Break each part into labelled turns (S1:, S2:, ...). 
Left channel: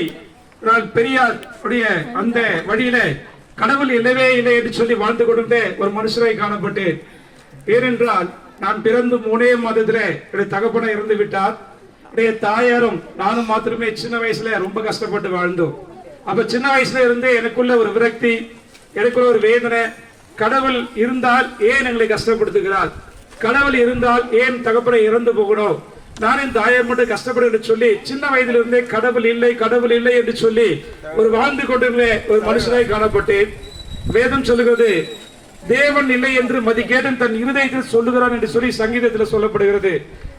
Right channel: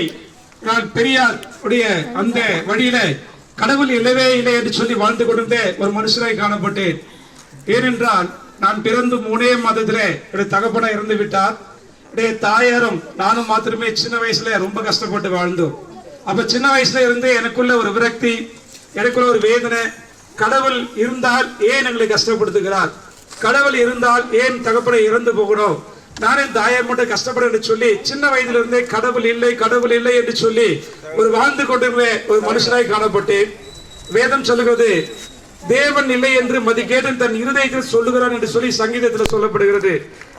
S1: சொல்லி நான் பெரியார் உடைய அந்த வழியில கடவுள் இல்லவே இல்லை என்று சொல்லி வாழ்ந்து கொண்டிருந்த ஒரு மனுஷராய் காணப்பட்டேன் ஏனென்றால் நான் பிறந்து மூணே மாதத்துல என்னுடைய தகப்பனை இறந்து விட்டார். என்னுடைய தாயாரும் நானும் மாத்திரமே சின்ன வயசுல ரொம்ப கஷ்டப்பட்டு வாழ்ந்தோம். அப்ப சின்ன வயசுல இருந்து எனக்குள்ள ஒரு விரக்தி எனக்குள்ள ஒரு வேதனை கடவுள் இருந்தால் ஏன் எங்களை கஷ்டப்படுத்துகிறார்? கடவுள் இருந்தால் ஏன் தகப்பனை இறந்து போகணும்? நான் இந்த தாயை மட்டும் கஷ்டப்பட என்று சொல்லி சின்ன வயதிலிருந்தே கடவுள் இல்லை கடவுள் இல்லை என்று சொல்லி ஒரு வாழ்ந்து கொண்டிருந்த ஒரு மனுஷனாய் காணப்பட்டேன். வேதம் சொல்லுகிறது தேவன் இல்லை என்று மதிகேடன் தன் இருதயத்தில் சொல்லுகிறான் என்று சொல்லி சங்கீதத்தில் சொல்லப்படுகிறது.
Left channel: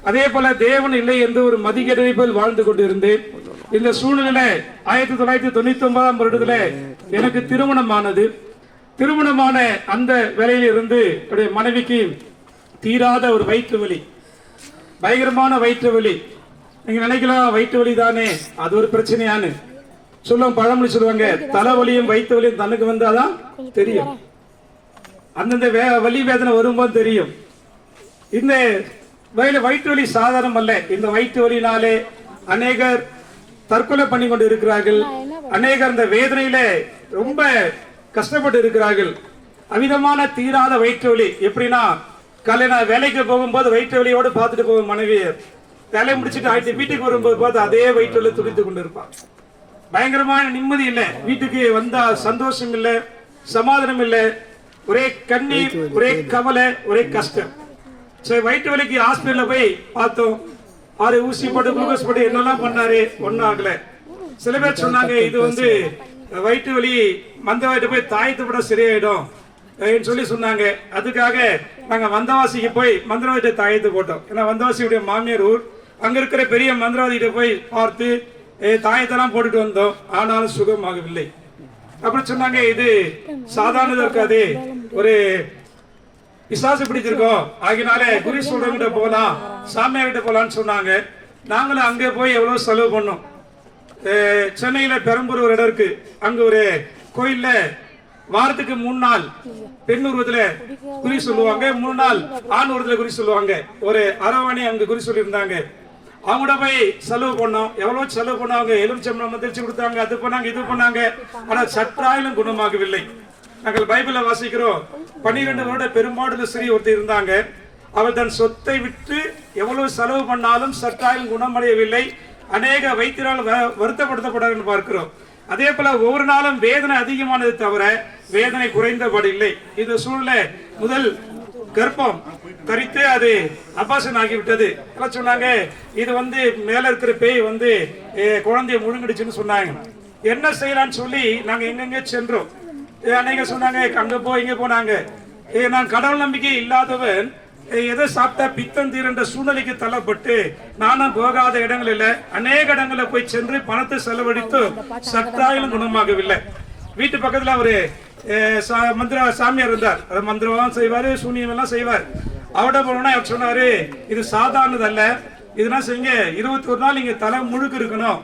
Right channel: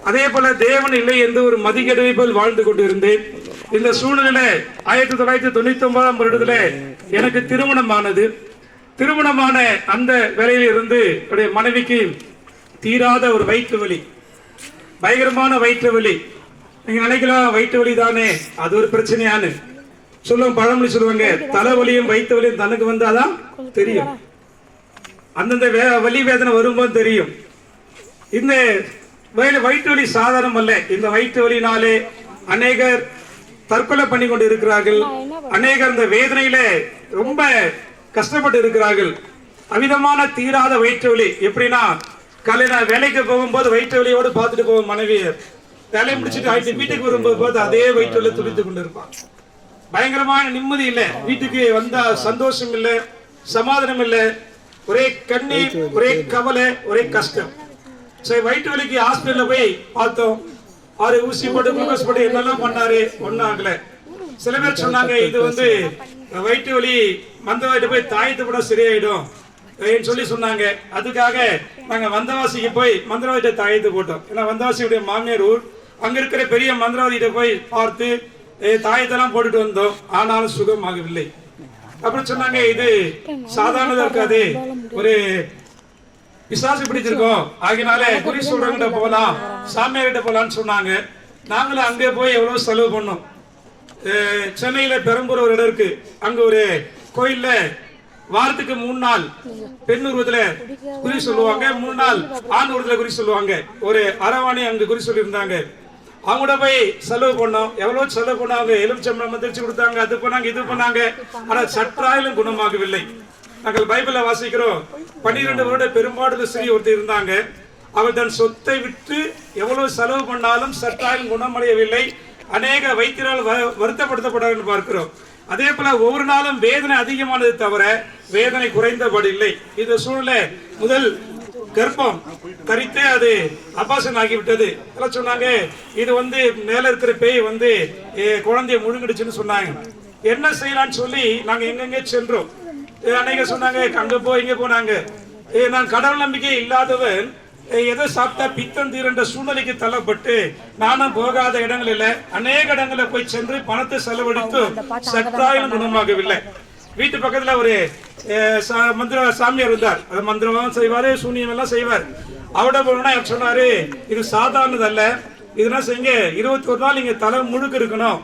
S1: அதே போல தேவன் இல்லை என்று ஒரு மதிகேடனை போல் வாழ்ந்து கொண்டிருந்தேன். இந்த சூழ்நிலை ஆயிரத்தி தொள்ளாயிரத்தி தொண்ணூத்தி ஒன்பதாம் வருடத்துல எனக்கு திருமணமானது. திருமணமான அந்த வேலையில் இருந்து என்னுடைய மனைவிக்கு தீராத ஒரு வயிற்று வலி. பயங்கரமான வயிற்று வலி. நீங்க நினைக்கலாம் வயிற்று வலி தானே? அது ஒரு பிரச்சனையான்னு. சொல்லுவோம் பழமொழி சொல்லுவாங்க தலைவலியும் வயிற்று வலியும் தனக்கு வந்தாதான் தெரியும். அந்தந்த வே வலி வேதனை வரும்போது தெரியும். இந்த வயல வயிற்று வலி சாதாரணம் அல்ல. இந்த வயிற்று வலினாலே அநேகர் தற்கொலை பண்ணி கொண்டு இருக்கிறார்கள். அநேகர் இந்த வேதனையில ரொம்ப கஷ்டப்பட்டு இருக்கிறார்கள். அமிதமான தீராத வயிற்று வலி. எப்படின்னா காலையில வேலைக்கு போகும்போது வயிற்று வலியோடு பார்த்துட்டு போவோம் மனைவி. வேலையை முடிச்சுட்டு ஆயிட்டு வீட்டுக்கு வரும்போது பார்த்து அதே வயிற்று வலி துடித்து கொண்டு இருப்பான் பயங்கரமான நிம்மதி இல்லை. வீட்டுக்கு வந்தா சந்தோஷம் இல்லை சமாதானம் இல்லை. ஒரே கண்ணீர் ஒரே கவலை ஒரே கஷ்டம். சரி வயிற்று வலிக்கு ஹாஸ்பிட்டல்ல போய் பார்த்தோம். ஆறு ஊசி போட்டு குளுக்கோஸ் போட்டு என்னெல்லாம் பண்ணாரு? ஒன்றும் ஆகல. சில பேர் சொன்னாங்க இது வந்து வயிற்று வலி மந்தவாயிட்டு போய் தாயத்து கூட சரியாயிடும். சொல்லி சொன்னாங்க. அதுக்காக நாங்க வந்தவாசிக்கு போய் மந்திரவாதிட்ட தாயத்து போட்டோம். ஏன்னா வந்தவாசியுடைய மாமியார் ஊர். அங்க இருக்கிற பெரிய மந்திரவாதிகிட்ட போய் பார்த்து தாயத்தெல்லாம் போட்டுட்டு வந்தோம். ஆனாலும் சுகமாகவில்லை. அப்படி சொன்னாங்க இது சாதாரணதா இருக்காது. ஒரு பிசாசு பிடிச்சிருக்கோம். ஆகினாலே குறி சொல்றவங்கிட்ட போகலாம் சாமியார்கிட்ட போகலான்னு சொன்னாங்க. நாங்களும் அங்கே போய் எவ்வளவு செலவு பண்ணோம். சென்னையில் சென்னையில பெரம்பூர் ஒரு இடம் இருக்கு. அங்க ஒரு கோயில்ல வாரத்துக்கு மூணு நாள் பெண் உருவத்துல குறி சொல்லுவாங்க மூணு நாள் ஆண் உருவத்துல குறி சொல்லுவாங்க. ஒரு அரவாணி அங்க குறி சொல்லியிருந்தாங்க. அவங்களோட போய் செலவு பண்ணோம். எவ்வளவு செலவு பண்ணாங்க எலுமிச்சம்பளம் மந்திரிச்சு கொடுத்தாங்க அது பண்ணாங்க இது பண்ணாங்க. ஆனா சற்றாயிலும் குணமாகவில்லை. நாங்கள் பைபிளை வாசிக்கிறோம். பன்னிரெண்டு வருட பெரும்பாடு ஸ்ரீ ஒருத்தர் இருந்தாங்க. அவர் தன் சொத்தை விட்டு எவ்வளவு செலவு பண்ணாலும் சற்றாயும் குணமடையவில்லை. அநேக வைத்தியரால் வ- பார்க்கிறோம். அதே போல ஒவ்வொரு நாளும் வேதனை அதிகமானது தவிர வேதனை குறைந்தபடி இல்லை. இந்த சூழ்நிலை முதல் கர்ப்பம் கரித்து அது அபாசன் ஆகிவிட்டது. எல்லாம் சொன்னாங்க. இது வந்து மேல இருக்கிற பேய் வந்து குழந்தைய முழுங்கிடுச்சுன்னு சொன்னாங்க. என்ன செய்யலாம்னு சொல்லி நாங்க எங்கெங்க சென்றோம்? அன்னைக்கு சொன்னாங்க அங்க போ இங்க போனாங்க நான் கடவுள் நம்பிக்கை இல்லாதவன் எதை சாப்பிட்டா பித்தம் தீரன்ற சூழ்நிலைக்கு தள்ளப்பட்டு நானும் போகாத இடங்களில் அநேக இடங்களில் போய் சென்று பணத்தை செலவழித்து சற்றாயிலும் குணமாகவில்லை. வீட்டு பக்கத்துல ஒரு மந்திர சாமியார் இருந்தார். அது மந்திரம் செய்வாரு சூனியம் எல்லாம் செய்வார். அவட போனா சொன்னாரு இது சாதாரணது அல்ல. இதெல்லாம் செய்யுங்க இருபத்தி ஒரு நாள் இங்க தலை முழுக்கு இருக்கணும்.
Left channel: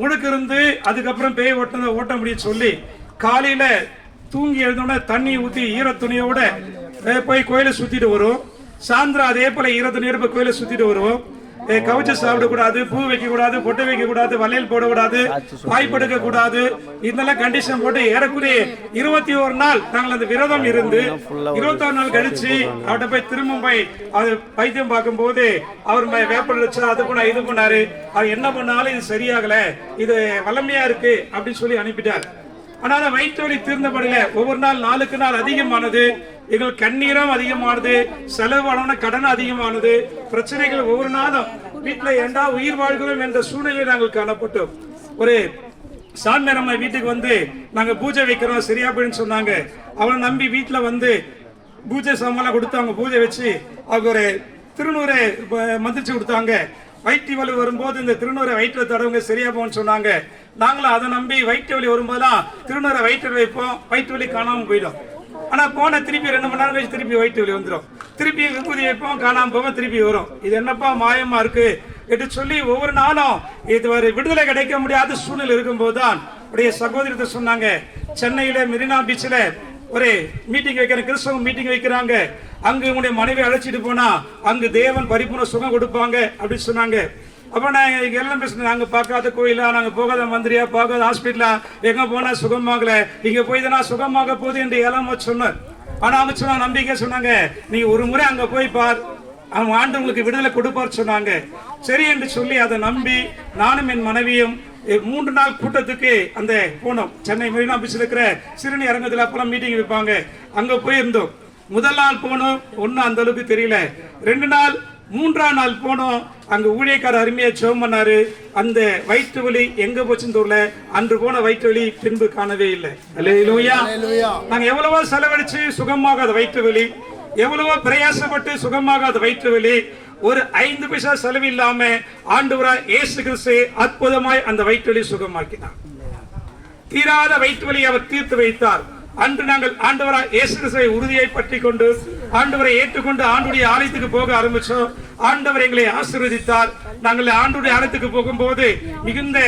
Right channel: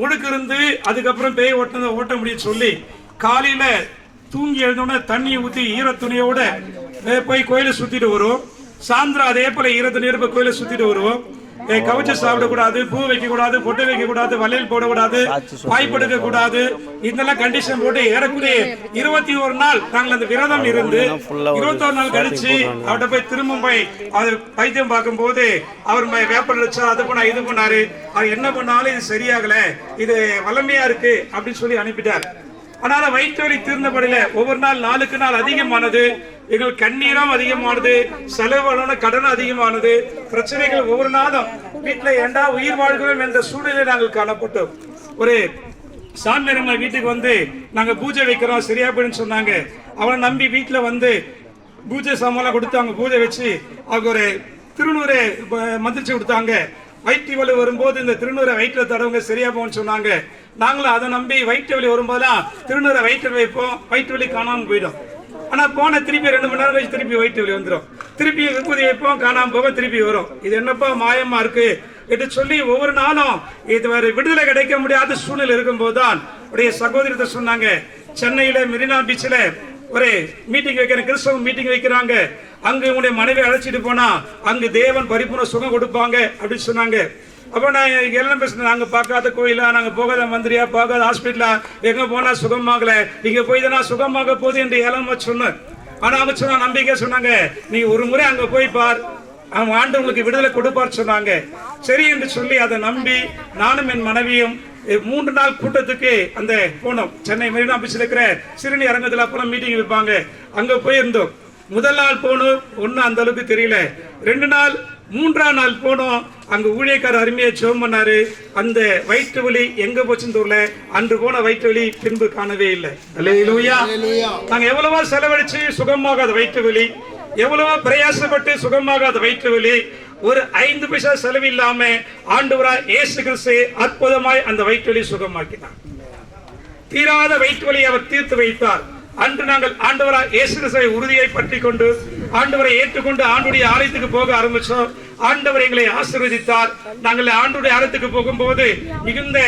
S1: முழுக்கு இருந்து அதுக்கப்புறம் பேய் ஓட்ட ஓட்ட முடியும் சொல்லி காலையில தூங்கி எழுந்தோடனே தண்ணி ஊத்தி ஈர துணியோட போய் கோயிலை சுத்திட்டு வரும். சாயந்தரம் அதே போல இருபது நெருப்பு கோயில கோயிலை சுத்திட்டு வருவோம். ஏய், கவிச்சு சாப்பிடக்கூடாது பூ வைக்க கூடாது பொட்டு வைக்க கூடாது வளையல் போடக்கூடாது வாய் படுக்க கூடாது இதெல்லாம் கண்டிஷன் போட்டு ஏறக்குறைய இருபத்தி ஒரு நாள் நாங்கள் அந்த விரதம் இருந்து இருபத்தொரு நாள் கழிச்சு அவர்கிட்ட போய் திரும்ப போய் அது வைத்தியம் பார்க்கும் போது அவர் வேப்பல் வச்சா அது பண்ணா இது பண்ணாரு. அவர் என்ன பண்ணாலும் இது சரியாகல இது வளமையா இருக்கு அப்படின்னு சொல்லி அனுப்பிட்டார். ஆனாலும் வயிற்று வலி தீர்ந்தபடியில ஒவ்வொரு நாள் நாளுக்கு நாள் அதிகமானது. எங்கள் கண்ணீரும் அதிகமானது செலவான கடன் அதிகமானது பிரச்சனைகள் ஒவ்வொரு நாளும் வீட்டுல ஏண்டா உயிர் வாழ்கிறோம் என்ற சூழ்நிலை நாங்கள் காணப்பட்டோம். ஒரு சாமி நம்ம வீட்டுக்கு வந்து நாங்க பூஜை வைக்கிறோம் சரியா போயின்னு சொன்னாங்க. அவனை நம்பி வீட்டுல வந்து பூஜை சாமான் கொடுத்து அவங்க பூஜை வச்சு அவங்க ஒரு திருநூறு மந்திரிச்சு கொடுத்தாங்க. வயிற்று வலி வரும்போது இந்த திருநூறை வயிற்றுல தடவங்க சரியா போகும்னு சொன்னாங்க. நாங்களும் அதை நம்பி வயிற்று வலி வரும்போதெல்லாம் திருநூறை வயிற்றில் வைப்போம் வயிற்று வலி காணாமல் போயிடும். ஆனால் போன திருப்பி ரெண்டு மணி நேரம் கழிச்சு திருப்பி வயிற்று வலி வந்துடும் திருப்பி விபூதி வைப்போம் காணாமல் போவோம் திருப்பி வரும். இது என்னப்பா மாயமாக இருக்கு? என்று சொல்லி ஒவ்வொரு நாளும் இது விடுதலை கிடைக்க முடியாத சூழ்நிலை இருக்கும்போது தான் உடைய சகோதரத்தை சொன்னாங்க. சென்னையில் மெரினா பீச்சில் ஒரு மீட்டிங் வைக்கிற கிறிஸ்தவ மீட்டிங் வைக்கிறாங்க. அங்கே உங்களுடைய மனைவி அழைச்சிட்டு போனால் அங்கு தேவன் பரிபூர்ண சுகம் கொடுப்பாங்க அப்படின்னு சொன்னாங்க. அப்போ நான் எல்லாம் பேசுனேன் நாங்கள் பார்க்காத கோயிலா? நாங்கள் போகாத மந்திரியா? போகாத ஹாஸ்பிட்டலா எங்கே போனால் சுகமாகல? இங்கே போய் தான் நான் சுகமாக போகுது என்று ஏழாம சொன்னார். ஆனால் அவங்க சொன்னா நம்பிக்கை சொன்னாங்க நீ ஒரு முறை அங்கே போய் பார். அவன் ஆண்டு உங்களுக்கு விடுதலை கொடுப்பார் சொன்னாங்க. சரி என்று சொல்லி அதை நம்பி நானும் என் மனைவியும் மூன்று நாள் கூட்டத்துக்கு அந்த போனோம். சென்னை மெரினா பீச்சில் இருக்கிற சிறுநி அரங்கத்தில் அப்பெல்லாம் மீட்டிங் வைப்பாங்க. அங்கே போயிருந்தோம். முதல் நாள் போனோம். ஒன்றும் அந்த அளவுக்கு தெரியல. ரெண்டு நாள் மூன்றாம் நாள் போனோம். அங்க ஊழியக்காரர் அருமையா ஜெபம் பண்ணாரு. அந்த வயிற்று வலி எங்க போச்சுன்னு தெரியல. அன்று போன வயிற்று வலி பின்பு காணவே இல்லை. அல்லேலூயா. நாங்க எவ்வளவோ செலவழிச்சு சுகமாகாத வயிற்று வலி எவ்வளவோ பிரயாசப்பட்டு சுகமாகாத வயிற்று வலி ஒரு ஐந்து பைசா செலவு இல்லாம ஆண்டவரா இயேசு கிறிஸ்து அற்புதமாய் அந்த வயிற்று வலி சுகமாக்கினார். தீராத வயிற்று வலியை அவர் தீர்த்து வைத்தார். அன்று நாங்கள் ஆண்டவரா இயேசு கிறிஸ்துவை உறுதியை பற்றி கொண்டு ஆண்டவரை ஏற்றுக்கொண்டு ஆண்டுடைய ஆலயத்துக்கு போக ஆரம்பிச்சோம். ஆண்டவர் எங்களை ஆசீர்வதித்தார். நாங்கள் ஆண்டுடைய ஆலயத்துக்கு போகும்போது மிகுந்த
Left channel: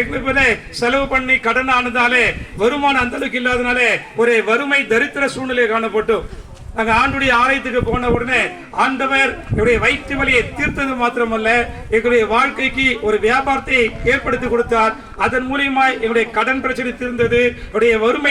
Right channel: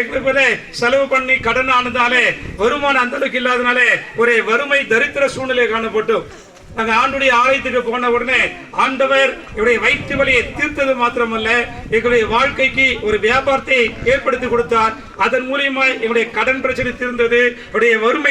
S1: எங்களுக்கு செலவு பண்ணி கடன் ஆனதாலே வருமானம் அந்த அளவுக்கு இல்லாதனாலே ஒரு வறுமை தரித்திர சூழ்நிலை காணப்பட்டோம். நாங்கள் ஆண்டுடைய ஆலயத்துக்கு போன உடனே ஆண்டவர் என்னுடைய வயிற்று வலியை தீர்த்தது மாத்திரமல்ல எங்களுடைய வாழ்க்கைக்கு ஒரு வியாபாரத்தை ஏற்படுத்தி கொடுத்தார். அதன் மூலியமாய் என்னுடைய கடன் பிரச்சனை தீர்ந்தது என்னுடைய வறுமை